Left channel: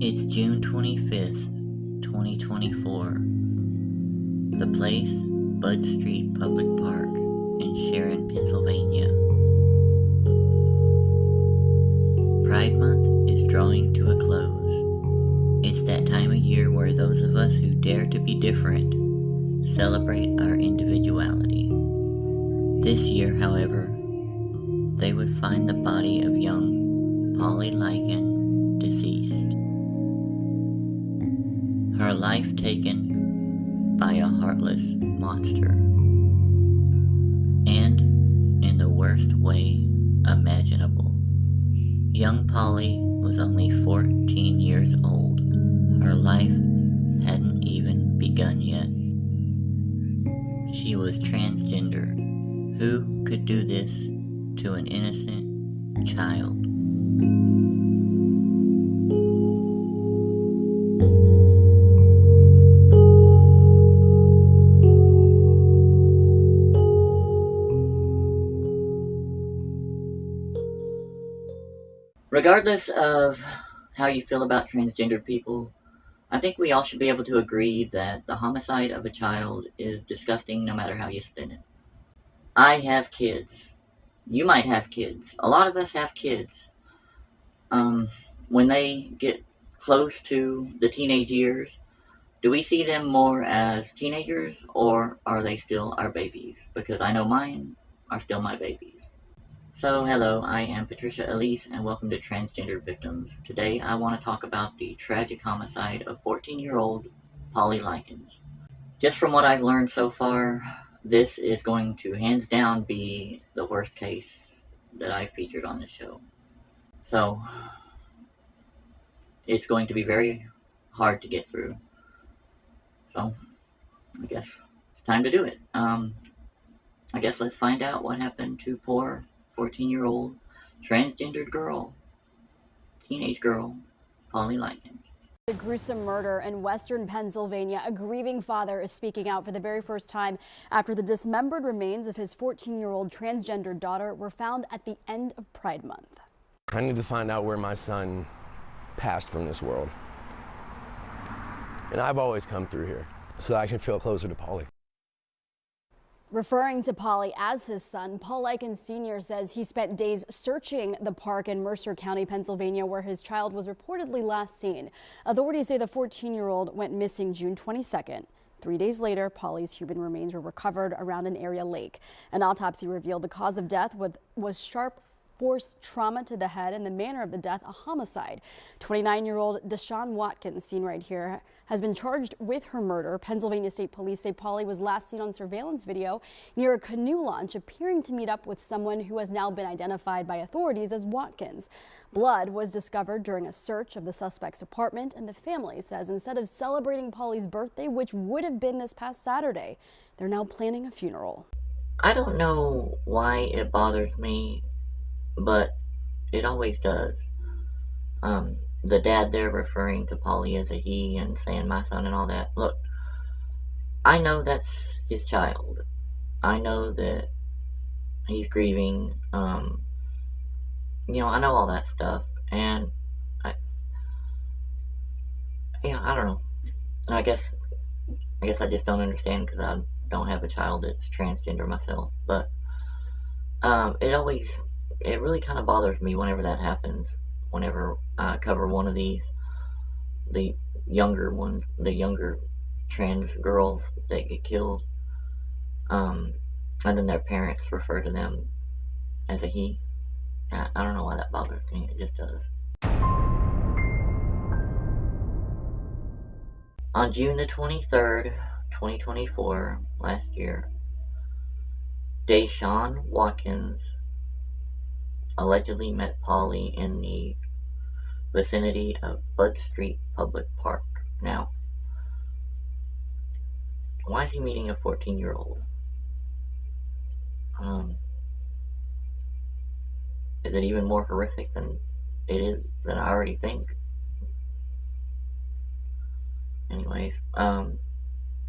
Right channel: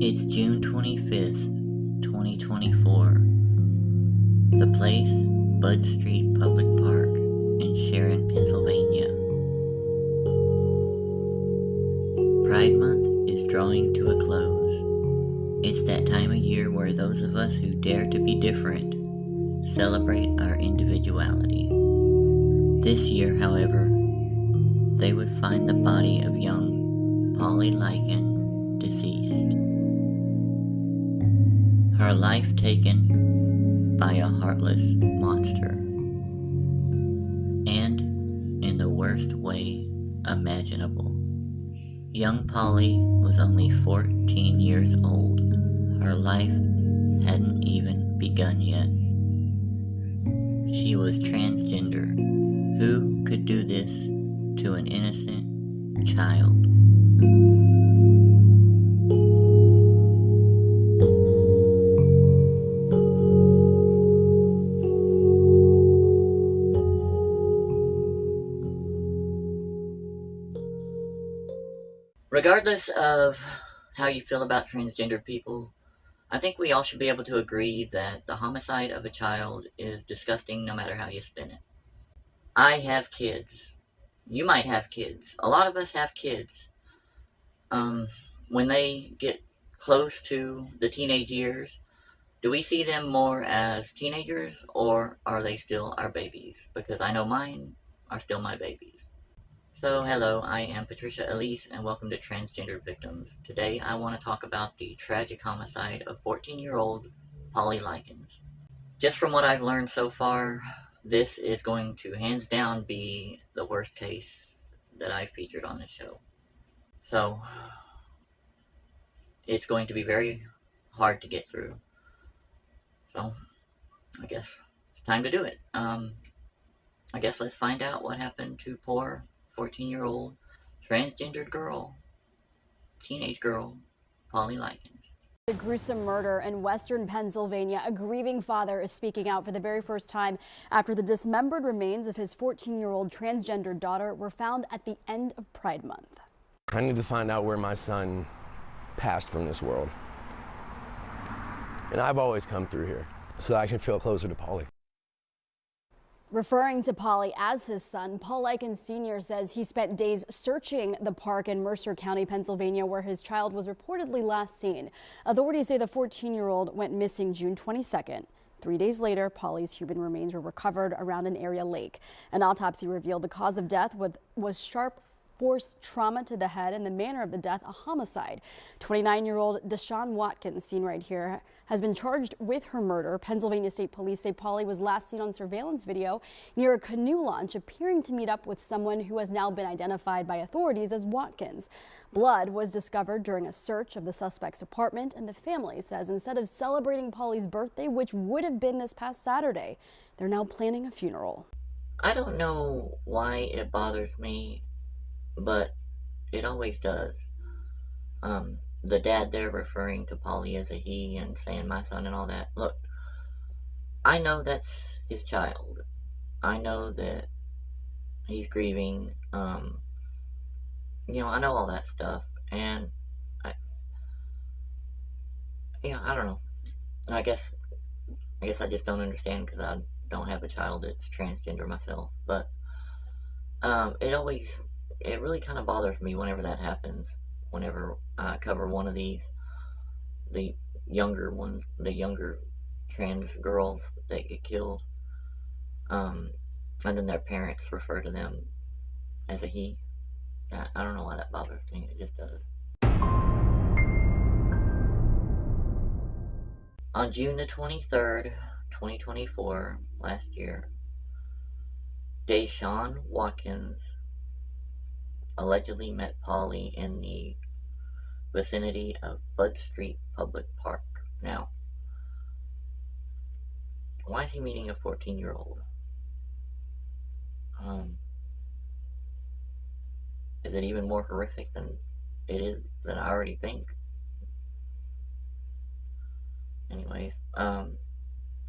It's June 25th, 2024. The place, Bud Street Public Park in Sharon, Pennsylvania. Pride Month is drawing to a close. It's that time of year where those of us who dare to be different celebrate our individuality. This year, however, they would find the body of young Pauly Likens deceased. Her life taken by a heartless monster. And in the worst way imaginable. Young Pauly was only 14 years old. Her life hadn't even begun yet. She was transgender. Who could do this to an innocent child? Regardless of how you feel about transgendered people, I think we all should be able to agree that the homicide of a child is disgusting no matter how you spin it. I have kids. You might have kids. A lot of us have kids. When they get close to the teenage years, do we see them more as teenagers or are they still our babies? Because I know mine are still my babies. So, hello, I am PaTricia, Elise, and welcome to Transgender Victims. Today, I want to talk about the tragic homicide of 14-year-old Pauly Likens. Just from what I've learned so far, this is going to hands down be the worst case that I've featured on this show. So, it's going to be very hard to get through. So, I guess it's time to do it. I guess let's find out what happened to poor 14-year-old transgendered girl, teenage girl, Pauly Likens. A gruesome murder in western Pennsylvania. A grieving father is speaking out for the very first time after the dismembered remains of his 14-year-old transgender daughter were found at the end of Pride Month. I need to find out where my son passed from this world. And I've always come through here so that I can feel closer to Pauly. Referring to Pauly as his son, Paul Likens Sr. says he spent days searching the park in Mercer County, Pennsylvania, where his child was reportedly last seen. Authorities say the 14-year-old went missing June 22nd. 3 days later, Pauly's human remains were recovered around an area lake. An autopsy revealed the cause of death was sharp force trauma to the head and the manner of the death a homicide. 29-year-old Deshaun Watkins, seen right here, has been charged with her murder. Pennsylvania State Police say Pauly was last seen on surveillance video near a canoe launch, appearing to meet up with someone who has now been identified by authorities as Watkins. Blood was discovered during a search of the suspect's apartment, and the family says instead of celebrating Pauly's birthday, which would have been this past Saturday, they're now planning a funeral. I don't know why it bothers me, but it always does. The dad there referring to Pauly as a he and saying my son and all that. Look, I know that's his child. I know that he's grieving. I know all that stuff, and I don't know. I guess I just don't understand because I don't have a child that's transgender myself. But it really kind of bothers me whenever that happens. Whenever I cover one of these, the younger trans girls that get killed, and then their parents refer to them as a he. I don't know why that bothers me. It just does. On June the 23rd, 2024, last year, Deshaun Watkins allegedly met Pauly in the vicinity of Bud Street Public Park. Now, why is he meeting a 14-year-old? Is it even more horrific than I already think? Anyways,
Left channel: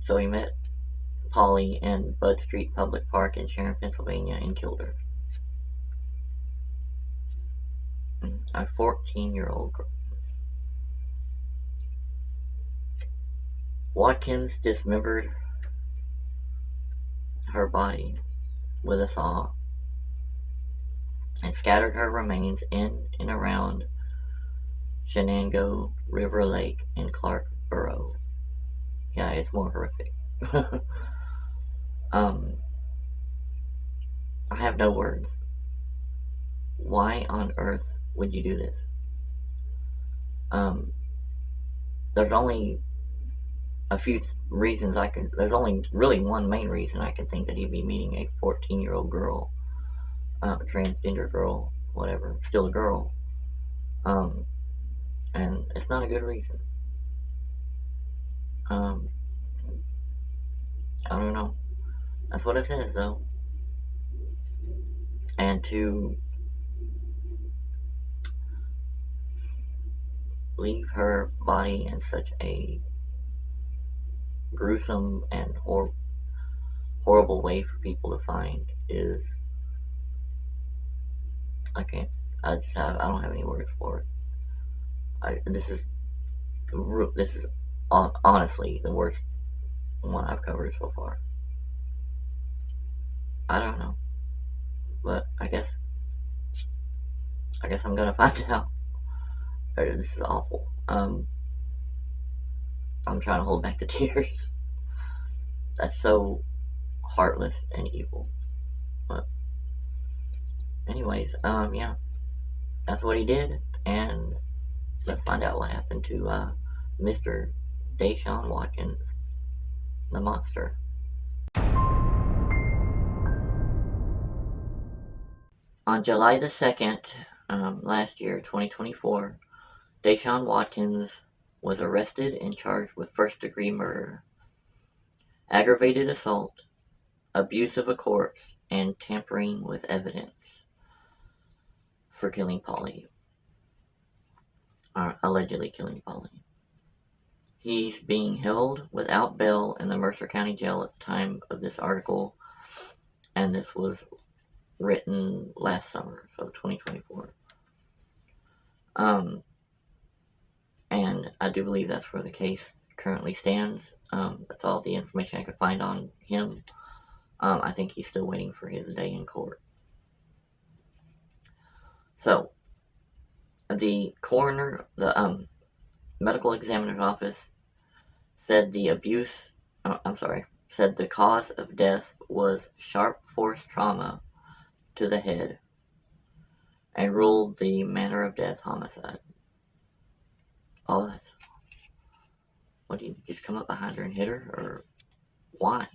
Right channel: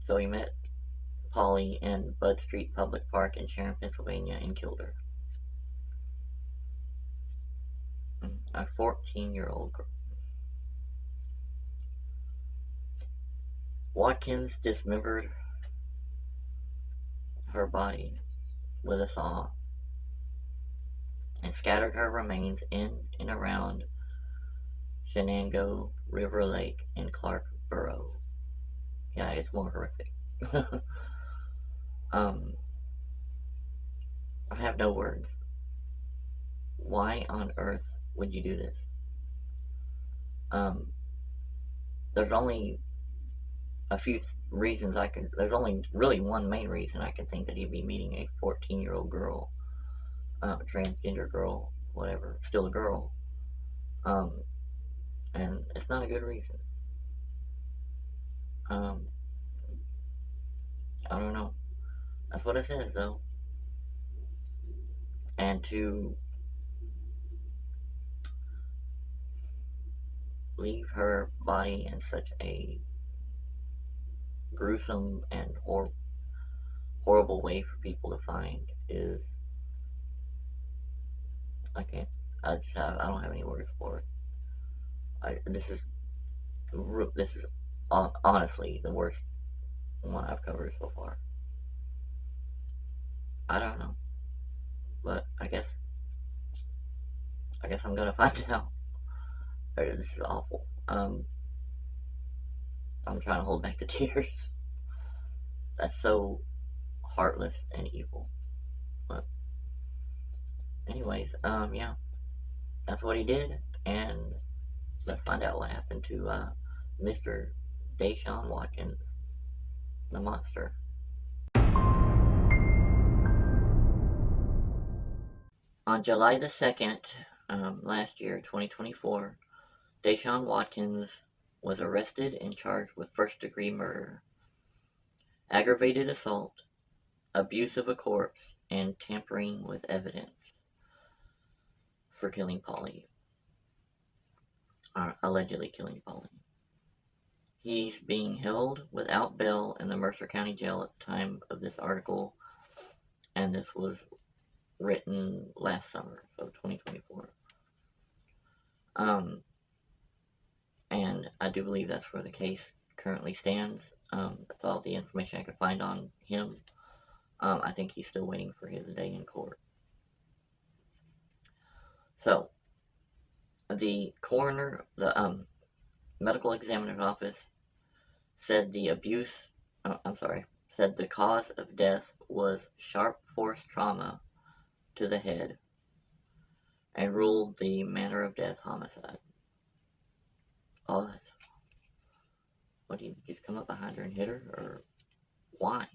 so he met Pauly in Bud Street Public Park in Sharon, Pennsylvania, and killed her. A 14-year-old girl. Watkins dismembered her body with a saw and scattered her remains in and around Shenango River Lake in Clark Borough. Yeah, it's more horrific. I have no words. Why on earth would you do this? There's only a few reasons there's only really one main reason I can think that he'd be meeting a 14-year-old girl, transgender girl, whatever, still a girl. And it's not a good reason. I don't know. That's what it says, though. And to leave her body in such a gruesome and horrible way for people to find is, I don't have any words for it. This is honestly the worst one I've covered so far. I don't know, but I guess I'm gonna find out. This is awful. I'm trying to hold back the tears. That's so heartless and evil. But anyways, yeah, that's what he did, and let's find out what happened to Mr. Deshaun Watkins, the monster. On July the 2nd, last year, 2024, Deshaun Watkins was arrested and charged with first-degree murder, aggravated assault, abuse of a corpse, and tampering with evidence for killing Pauly, or allegedly killing Pauly. He's being held without bail in the Mercer County Jail at the time of this article, and this was written last summer, so 2024. And I do believe that's where the case currently stands. That's all the information I could find on him. I think he's still waiting for his day in court. So, the coroner, the medical examiner's office said said the cause of death was sharp force trauma to the head and ruled the manner of death homicide. Oh, that's... What, do you just come up behind her and hit her? Or why?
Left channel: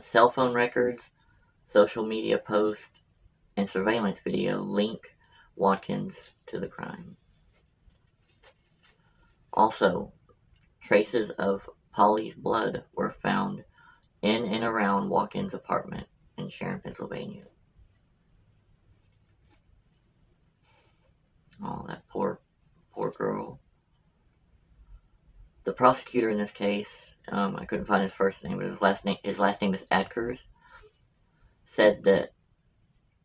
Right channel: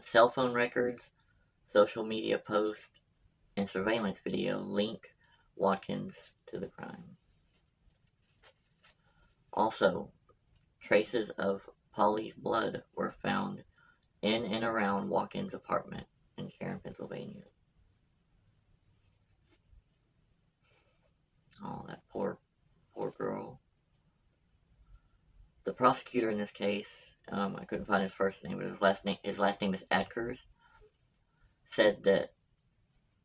Cell phone records, social media posts, and surveillance video link Watkins to the crime. Also, traces of Pauly's blood were found in and around Watkins' apartment in Sharon, Pennsylvania. Oh, that poor girl. The prosecutor in this case, I couldn't find his first name, but his last name is Adkers, said that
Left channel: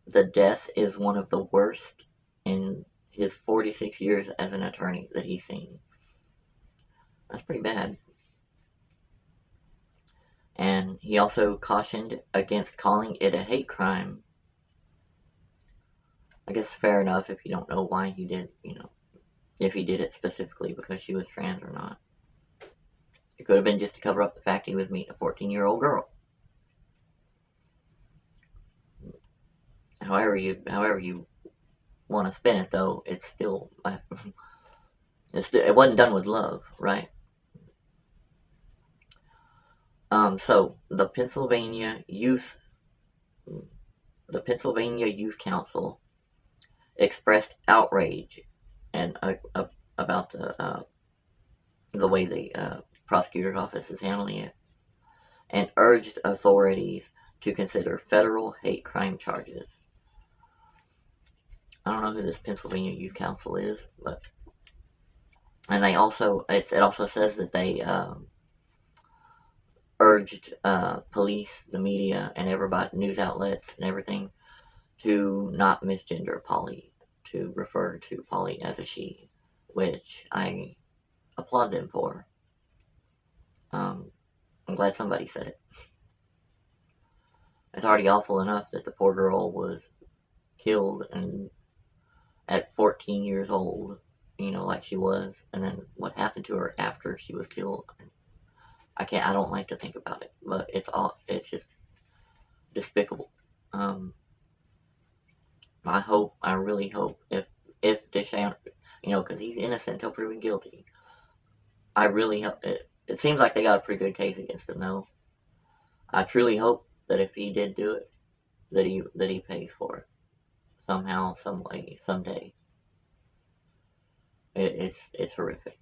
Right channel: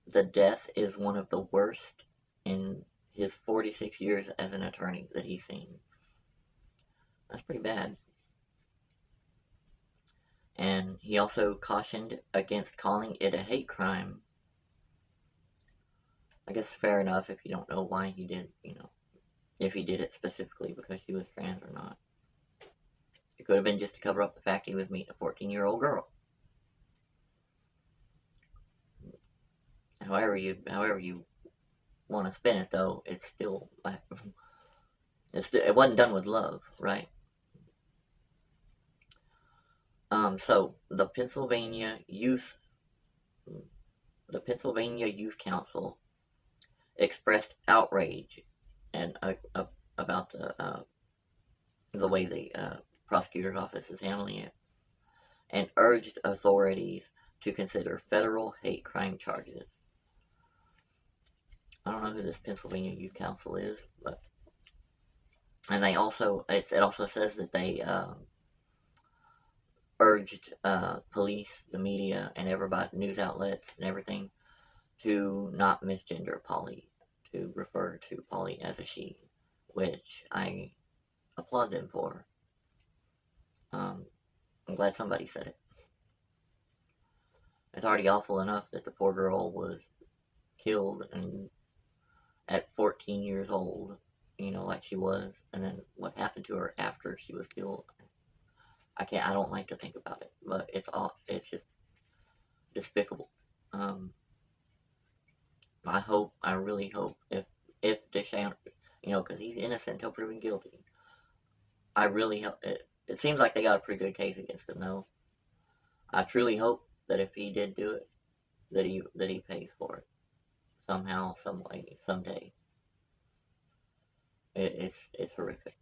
the death is one of the worst in his 46 years as an attorney that he's seen. That's pretty bad. And he also cautioned against calling it a hate crime. I guess fair enough if you don't know why he did, if he did it specifically because she was trans or not. It could have been just to cover up the fact he was meeting a 14-year-old girl. However you want to spin it, though, it's still, it wasn't done with love, right? So the Pennsylvania Youth Council expressed outrage and about the way the prosecutor's office is handling it, and urged authorities to consider federal hate crime charges. I don't know who this Pennsylvania Youth Council is, but and it also says that they urged police, the media, and everybody, news outlets and everything, to not misgender Pauly, to refer to Pauly as a she, which I applaud them for. I'm glad somebody said it. It's already awful enough that the poor girl was killed and at 14 years old, like she was, and then what happened to her after she was killed. I don't like to think about it, but it's just despicable. I really hope if Deschamps, because he's innocent until proven guilty. I really hope it seems like they got a pretty good case against him, though. I truly hope that if he did do it, that he pays for it somehow, some way, someday. It's horrific.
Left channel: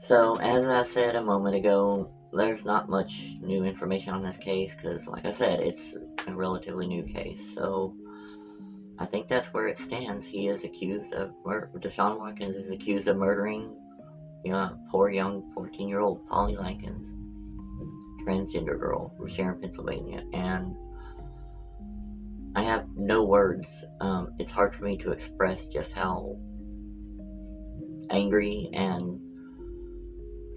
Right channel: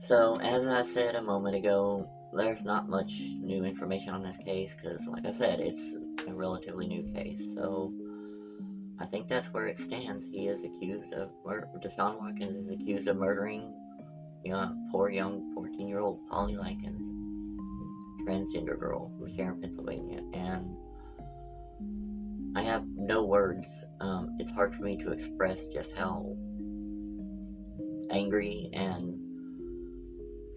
So, as I said a moment ago, there's not much new information on this case because, like I said, it's a relatively new case. So, I think that's where it stands. He is accused of Deshaun Watkins is accused of murdering poor young 14-year-old Pauly Likens, transgender girl from Sharon, Pennsylvania, and I have no words. It's hard for me to express just how angry and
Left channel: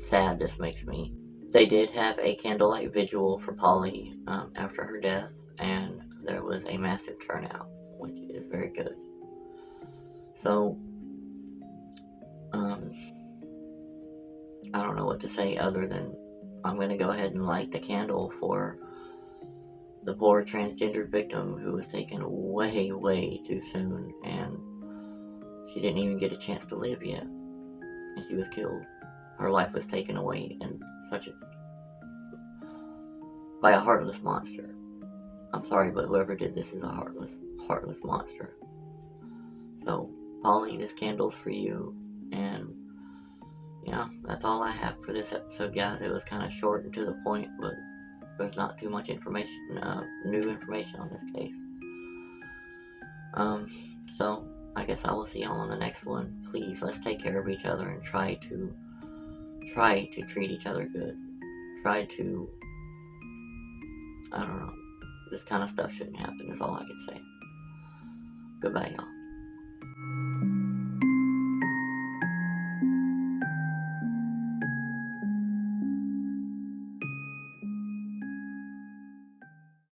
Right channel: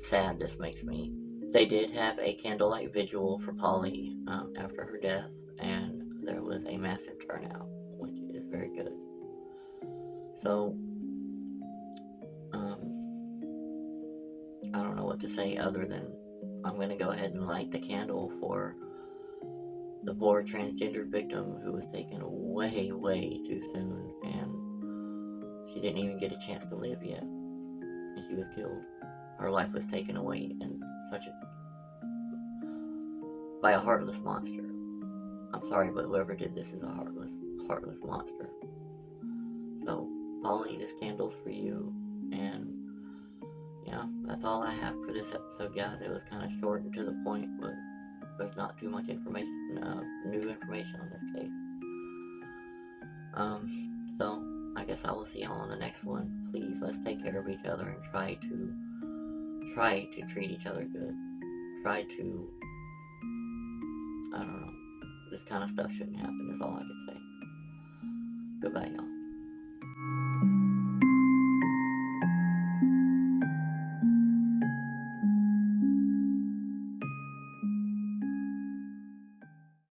sad this makes me. They did have a candlelight vigil for Pauly after her death, and there was a massive turnout, which is very good. So, I don't know what to say other than I'm going to go ahead and light the candle for the poor transgender victim who was taken way, way too soon, and she didn't even get a chance to live yet, and she was killed. Her life was taken away in by a heartless monster. I'm sorry, but whoever did this is a heartless monster. So, Pauly, this candle's for you, and that's all I have for this episode, guys. It was kind of short and to the point, but there's not too much information, new information on this case. So I guess I will see y'all on the next one. Please, let's take care of each other and try to treat each other good. Try to, I don't know, this kind of stuff shouldn't happen is all I can say. Goodbye, y'all.